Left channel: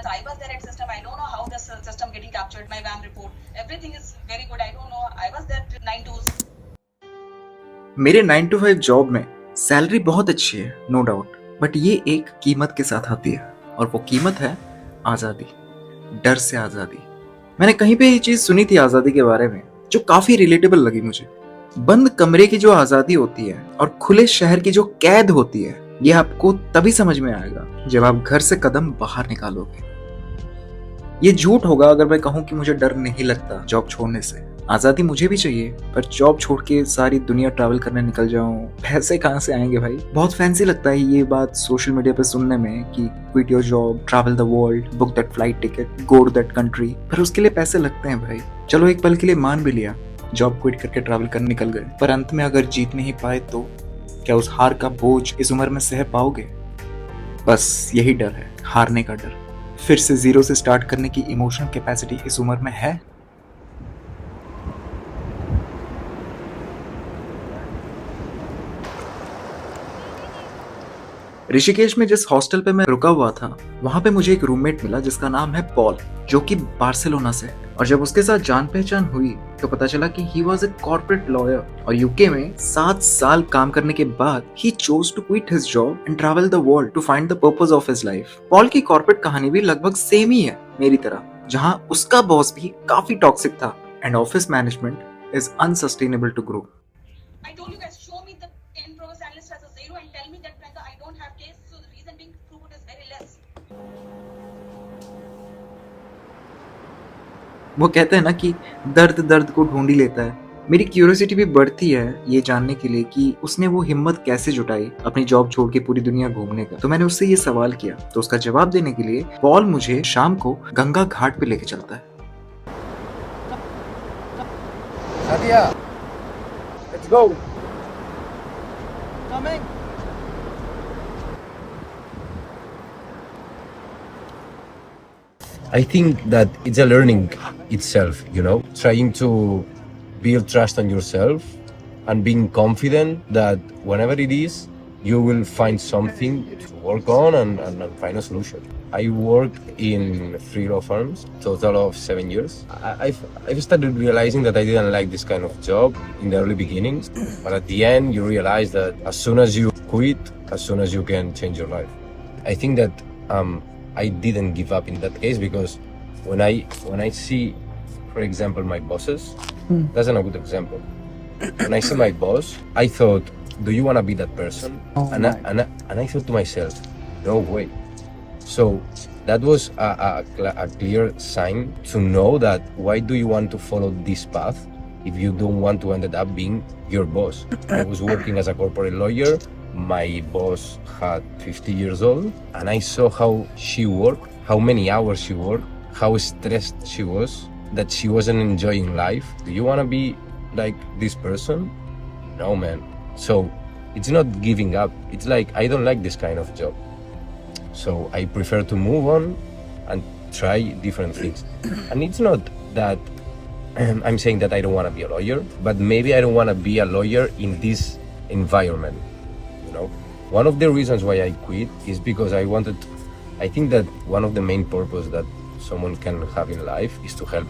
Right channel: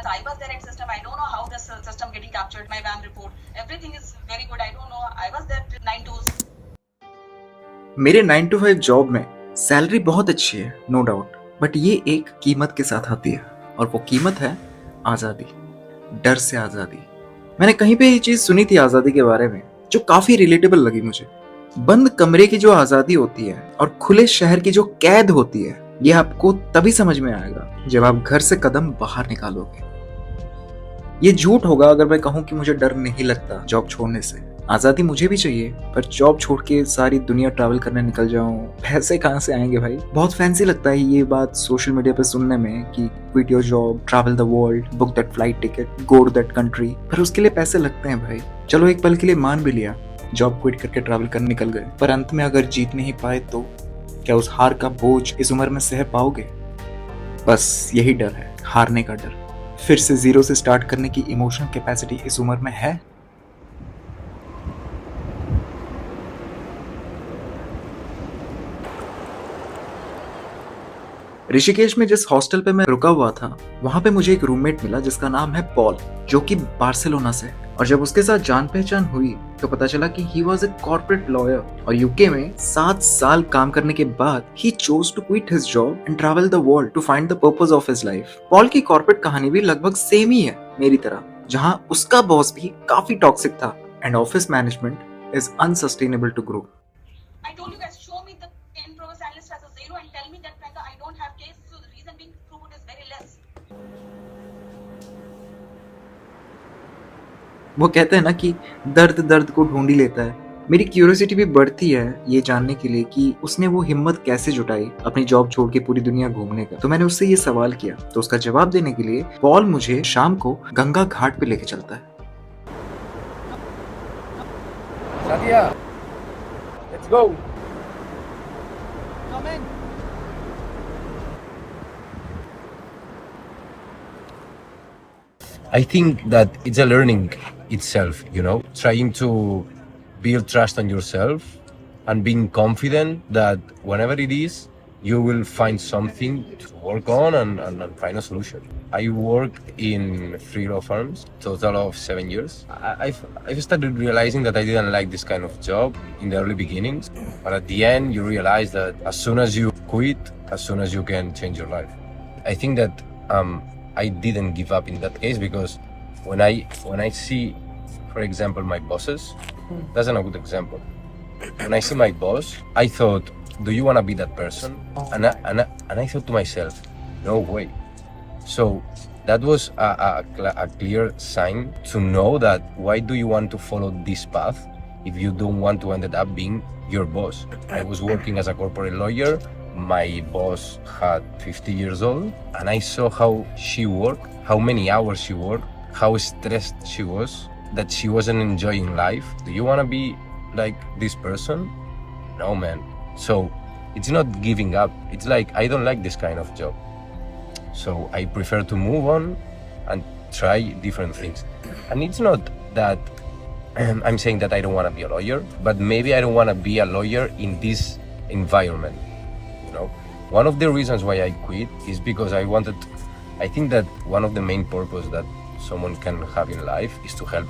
months. I was there at system. I don't know how this system getting captured. My VAM report. Everything is very good. I don't know. I was there 9 to. मेरे 9 to 5 job में salary बहुत अच्छी है, no doubt, but ये एक कीमत के साथ आती है और वो कीमत है आज़ादी, डर से आज़ादी। मैंने कहीं पे ये चीज़ सुनी थी आज़ादी के बारे में जो काफ़ी रिलेटेबल लगी मुझे। बंद कमरे की जो आज़ादी होती है और खुले शहर की जो कैद होती है, ये आपको तभी समझ में आएगा जब आप घर से कदम बाहर निकालोगे। ये झूठ होगा अगर मैं कहूँ कि मुझे डर नहीं लगता जॉब छोड़ने से। आज़ादी मुझे भी चाहिए, पर जॉब छोड़ के सारी दुनिया ट्रैवल करने निकल जाऊं, पैसे कहाँ से आएंगे भाई? बहुत फैंसी लगता है ये बात सोशल मीडिया पे सुनने में कि quit your job, travel the world, book that flight ticket, go to that country, पर उसके लिए पैसे लगते हैं भाई। चलो एक पल के लिए मान भी लिया, जॉब क्विट करके ट्रैवल करने निकल गए, पर अंत में अगर जीत नहीं पाए तो क्या उस हार का बोझ इस उम्र में सह पाओगे? बस यही डर है, हारने का डर। फिर से जीरो से स्टार्ट करने की इमोशनल कैपेसिटी इस उम्र में है? ऋषिकेश में जिस हॉस्टल पे मैं रुका हुआ था, वहां पे मुझे एक रूममेट मिला जिसका नाम है पॉल, जो कि बार्सिलोना से। और जब उसके साथ जान पहचान हुई तो पता चला कि he was a corporate lawyer और यूके में 7 साल काम करने के बाद he chose to quit his job and travel the world to find the purpose of his life. Paul की कॉर्पोरेट कहानी भी लगभग सेम ही है मेरी तरह, जहां उसका बॉस भी काफी टॉक्सिक था and office management is unsustainable to grow. I told you guys, show me the in-progress analyst as a zero and tell me that Priyanka, I don't have case. So the reason being throughput is very less. वो कहते हैं ना कि दर्द दर्द को ढूंढ ही लेता है। मेरी क्यूरियोसिटी भी बढ़ती है ये जानने के लिए कि उसने वो हिम्मत कैसे जुटाई अपनी जॉब छोड़ के पूरी दुनिया घूमने का। तो मैंने उससे ये सवाल किया, तो उसका जवाब देने के लिए पॉल मुझे शाम को गंगा घाट पे लेके चलता है। Sadia, let's go. Coming. I think that it's a learning itself, trying to build trust on yourself and being confident that whenever it is, you will find something to work on and find a solution. I worked in 3 law firms, total of 7 years. I've started realizing that I didn't like this kind of job in the early beginnings, but at the end you realize that as soon as you quit, as soon as you can change your life. I think that I didn't give up in that case because when I see, for example, my bosses, that's a good example. When I see my boss, I thought, do you want to be that person? And I thought to myself, no way. So that was a clear sign to know that why do you want to follow this path if you don't want to end up being your boss. I was working as a corporate lawyer. My boss had 50 years old and I saw how she worked, how many hours she worked, how stressed she was, that she wasn't enjoying life. Do you want to be like this person? No, man. So it's not giving up. It's like, I don't like this kind of job. So I prefer to move on and try different things. And it's not that I'm saying that I don't want to be a lawyer, but maybe I don't want to be a lawyer in this environment. One of the reasons why I quit is because I think that one of the main purpose that someone can have in life is to help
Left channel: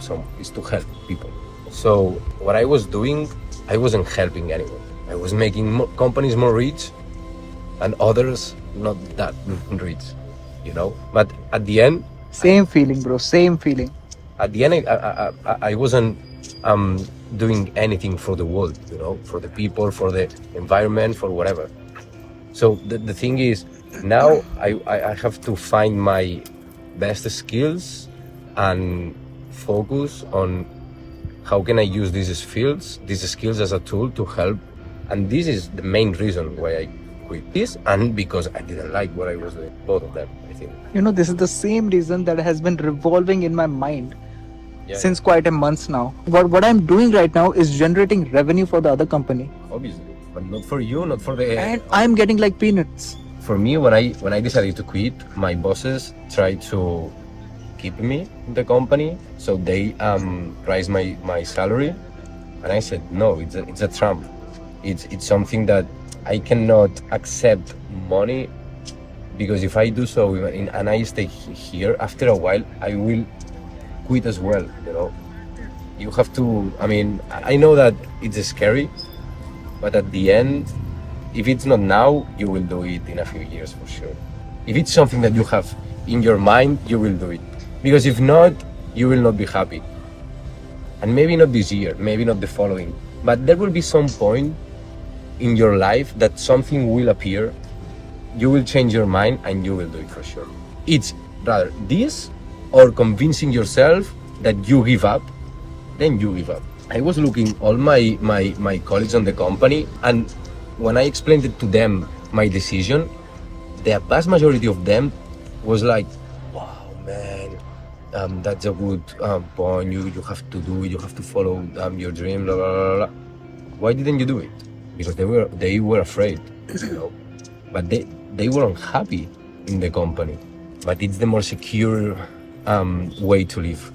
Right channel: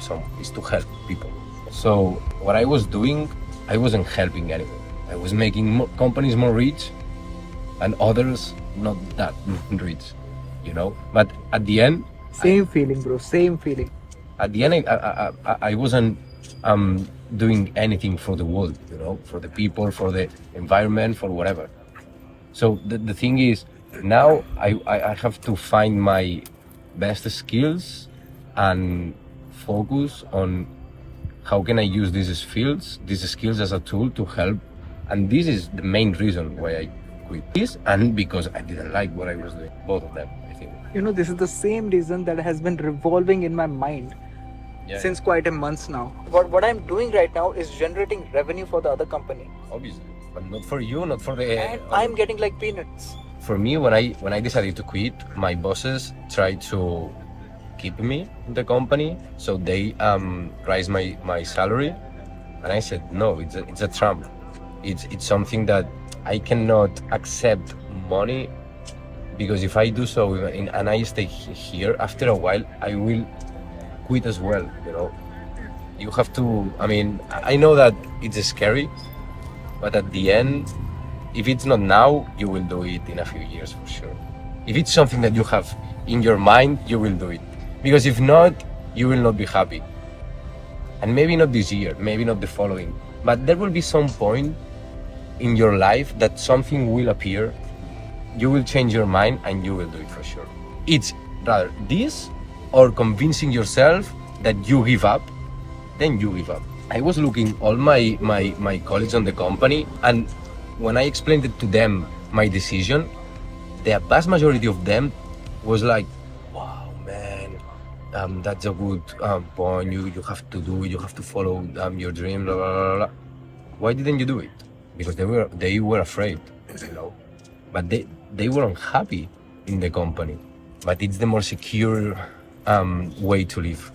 people. So what I was doing, I wasn't helping anyone. I was making companies more rich and others not that rich, but at the end, Same feeling, bro, same feeling. At the end, I wasn't doing anything for the world, for the people, for the environment, for whatever. So the thing is, now I have to find my best skills and focus on how can I use these skills as a tool to help. And this is the main reason why I quit this, and because I didn't like what I was doing, both of them, I think. This is the same reason that has been revolving in my mind since quite a month now. But what I'm doing right now is generating revenue for the other company. Obviously, but not for you, not for the. And I'm getting like peanuts. For me, when I decided to quit, my bosses tried to keep me in the company, so they raised my salary, and I said no, it's a trap. It's something that I cannot accept money because if I do so and I stay here, after a while I will quit as well. You have to, I know that it's scary, but at the end, if it's not now, you will do it in a few years for sure. If it's something that you have in your mind, you will do it, because if not, you will not be happy. And maybe not this year, maybe not the following, but there will be some point in your life that something will appear, you will change your mind, and you will do it for sure. It's rather this or convincing yourself that you give up, then you give up. I was looking all my colleagues on the company, and when I explained it to them, my decision, the vast majority of them was like, wow, man, that's a good point. You have to do it. You have to follow your dream. Blah, blah, blah, blah. Why didn't you do it? Because they were afraid, But they were unhappy in the company. But it's the more secure way to live.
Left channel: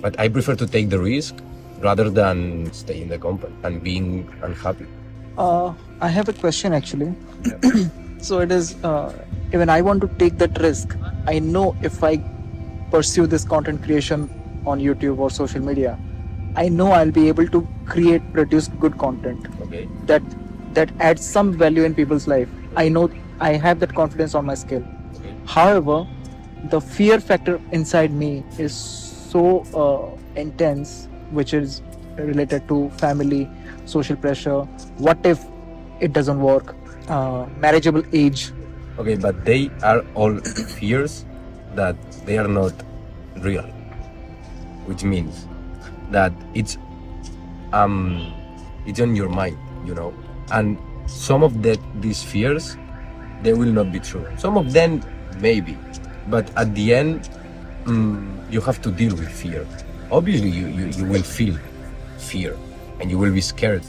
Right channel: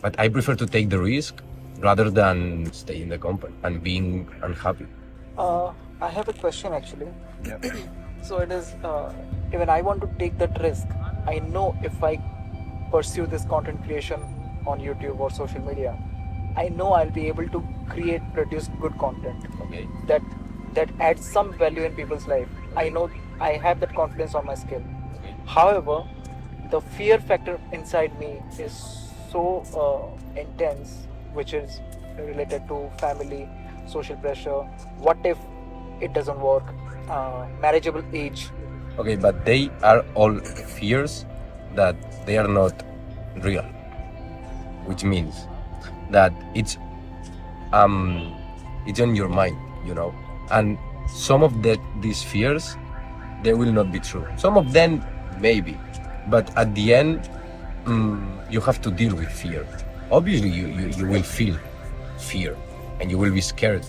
But I prefer to take the risk rather than stay in the company and being unhappy. I have a question actually. So it is, even I want to take that risk. I know if I pursue this content creation on YouTube or social media, I know I'll be able to produce good content. Okay. That adds some value in people's life. I know I have that confidence on my skill. Okay. However, the fear factor inside me is so intense, which is related to family, social pressure. What if it doesn't work? Marriageable age. Okay, but they are all fears that they are not real, which means that it's on your mind, and some of these fears, they will not be true. Some of them maybe, but at the end, you have to deal with fear. Obviously, you will feel fear and you will be scared,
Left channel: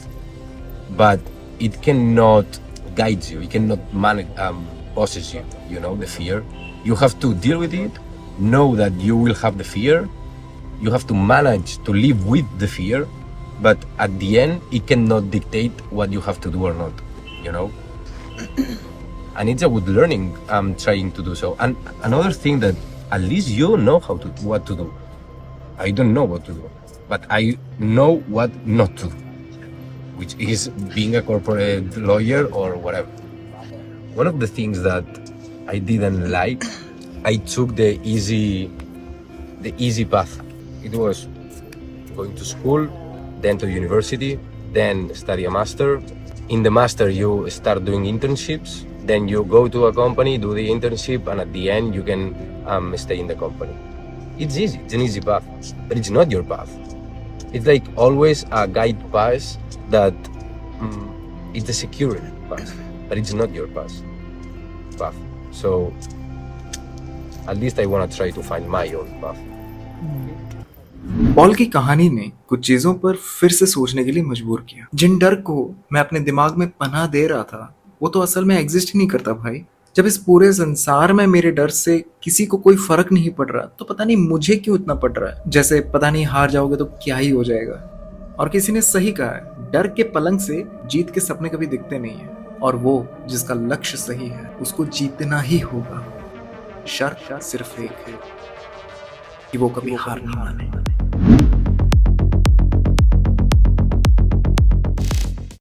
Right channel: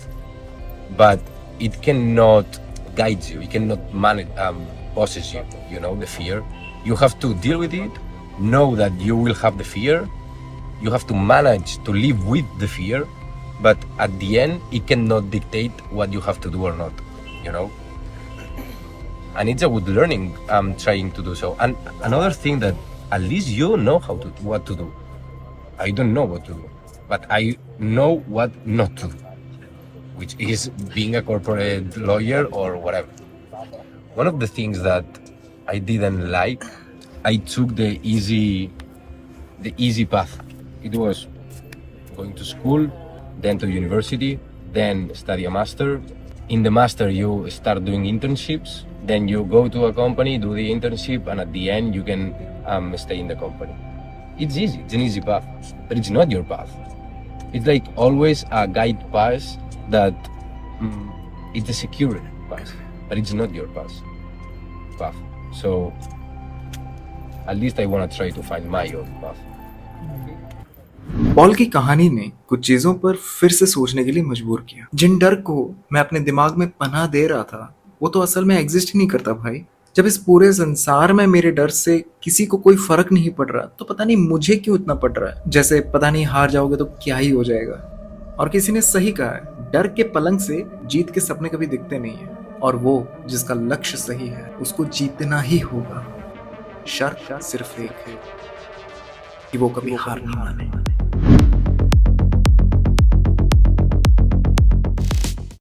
but it cannot guide you. It cannot manage, possess you. The fear. You have to deal with it. Know that you will have the fear. You have to manage to live with the fear, but at the end, it cannot dictate what you have to do or not. And it's a good learning. I'm trying to do so. And another thing that at least you know what to do. I don't know what to do, but I know what not to do, which is being a corporate lawyer or whatever. One of the things that I didn't like, I took the easy path. It was going to school, then to university, then study a master. In the master, you start doing internships. Then you go to a company, do the internship, and at the end, you can stay in the company. It's easy. It's an easy path, but it's not your path. It's like always a guide path that it's a secure path, but it's not your path. So at least I want to try to find my own path. Paul की कहानी ने कुछ चीजों पर फिर से सोचने के लिए मजबूर किया। जिन डर को मैं अपने दिमाग में पनाह दे रहा था, वो तो असल में एग्जिस्ट ही नहीं करता भाई। जब इस पूरे संसार में मेरे डर से किसी को कोई फर्क नहीं पड़ रहा, तो पता नहीं मुझे क्यों इतना पड़ रहा है। जैसे पता नहीं हार जाओगे तो क्या ही हो जाएगा। और किसी ने सही कहा है, डर के पलंग से जीत के सपने कभी दिखते नहीं है, और वो जिसका लक्ष्य सही है उसको जीतना ही होगा। शर्त सिर्फ एक है कि वो कभी हार नहीं माने।